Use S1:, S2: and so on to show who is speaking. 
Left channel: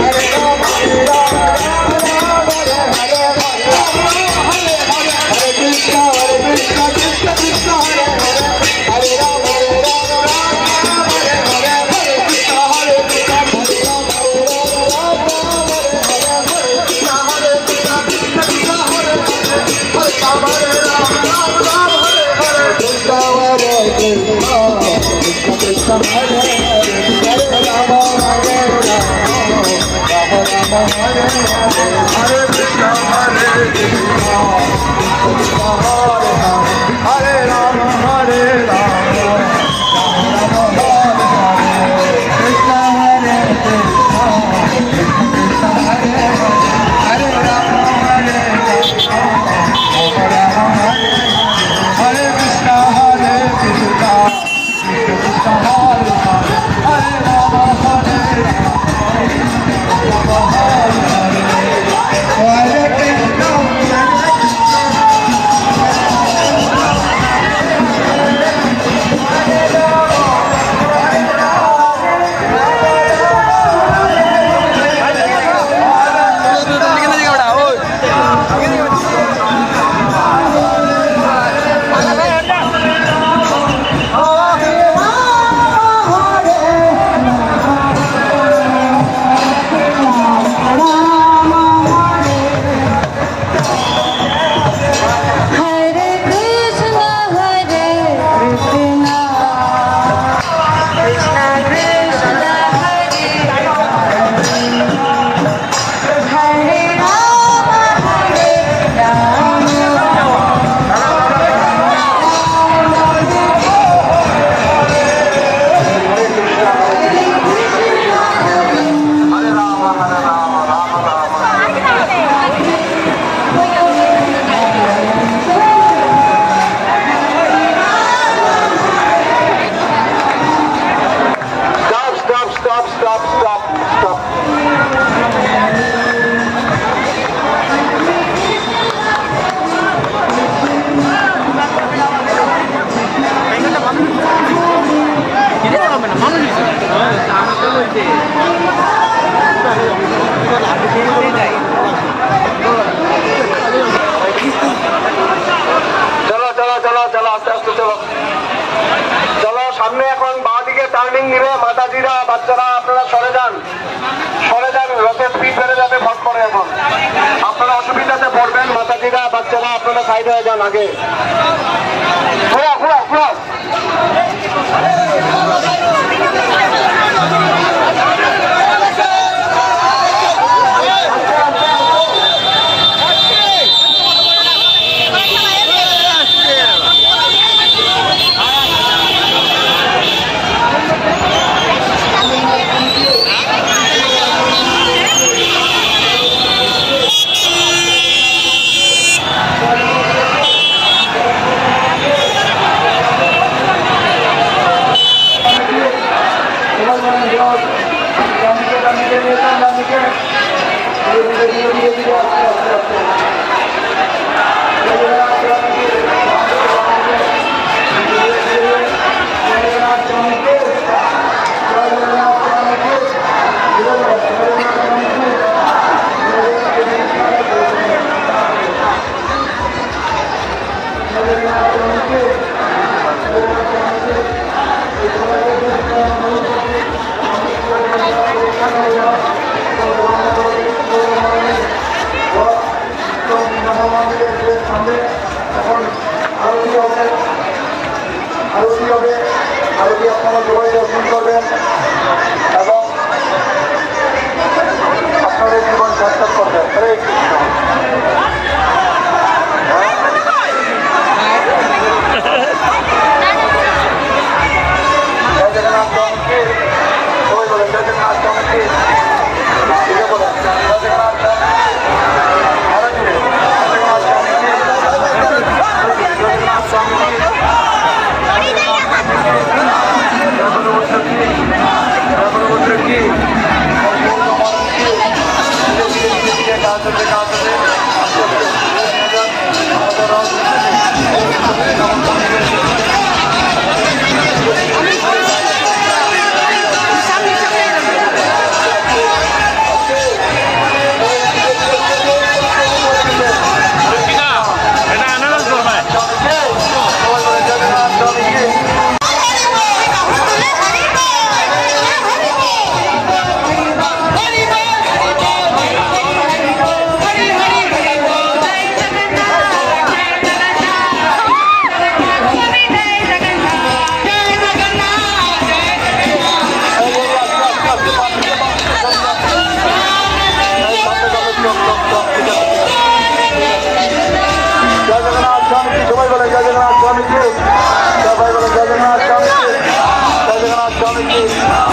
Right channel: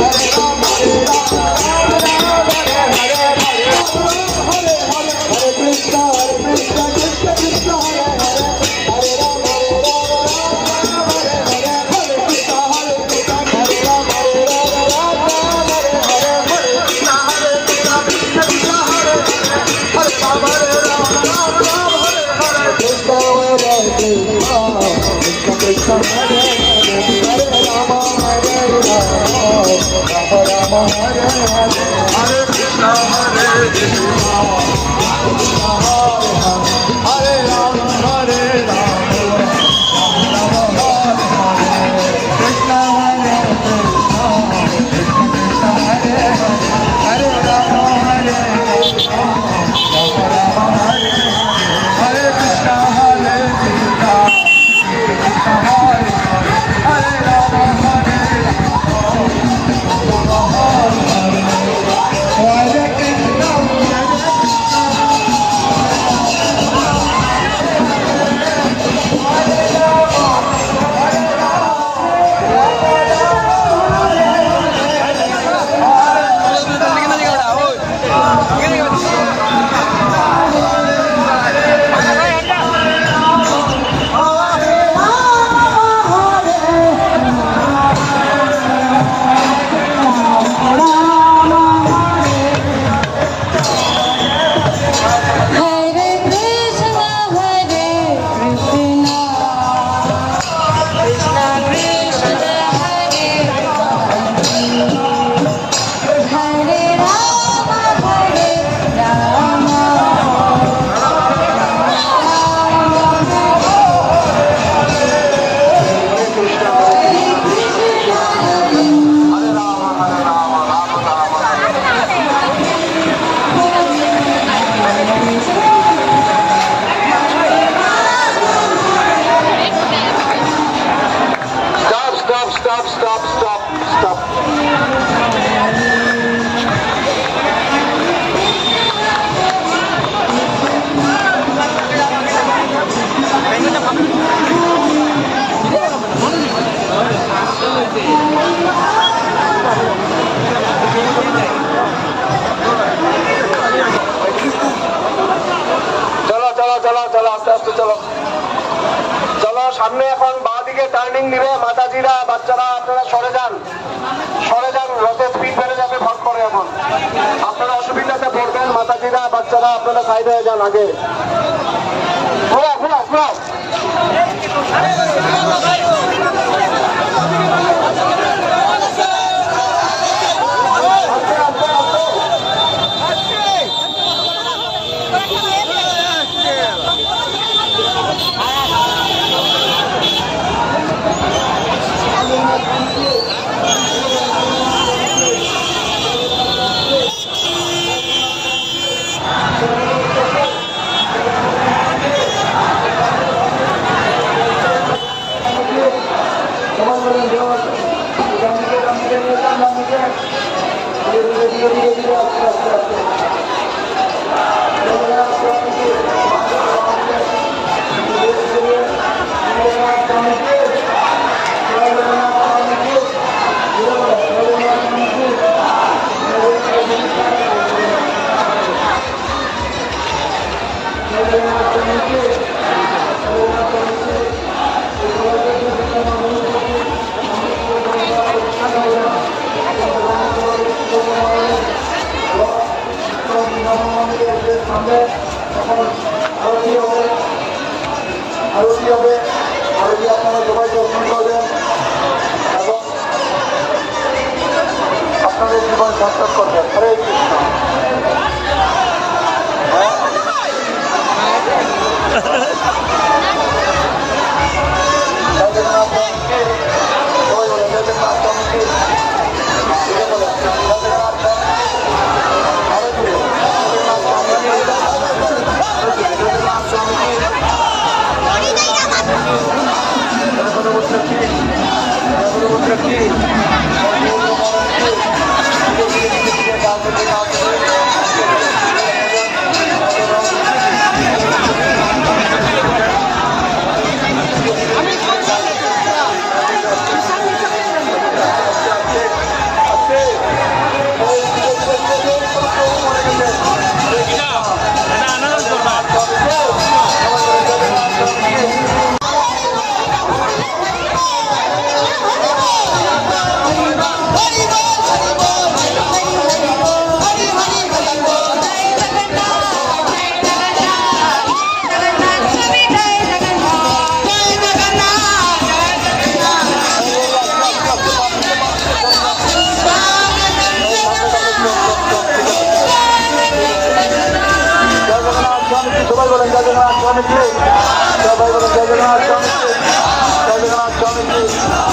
S1: Let's go, let's go. stop, stop, stop. Thank you. বাচ্চারা আপনারা সরে যান। সরে যান রথে স্পিড বেড়ে যাবে, ভট করে এখন। আপনারা অসুবিধাতে পড়বেন, মাতাজিরা, বাচ্চারা, আপনারা সাইড হয়ে যান আগে। ঘোরা ঘোরা ঘোরা ধীরে ধীরে ধীরে ধীরে আস্তে আস্তে আস্তে হবে, এখন আরতি হবে? আরতি হবে? আরতি আপনারা সবাই দর্শন করবেন? এবং আপনাদের জীবন সার্থক করবেন। হরে জগন্নাথ কমিটি ওই বলে, জগন্নাথ কমিটি বলে the Thank you.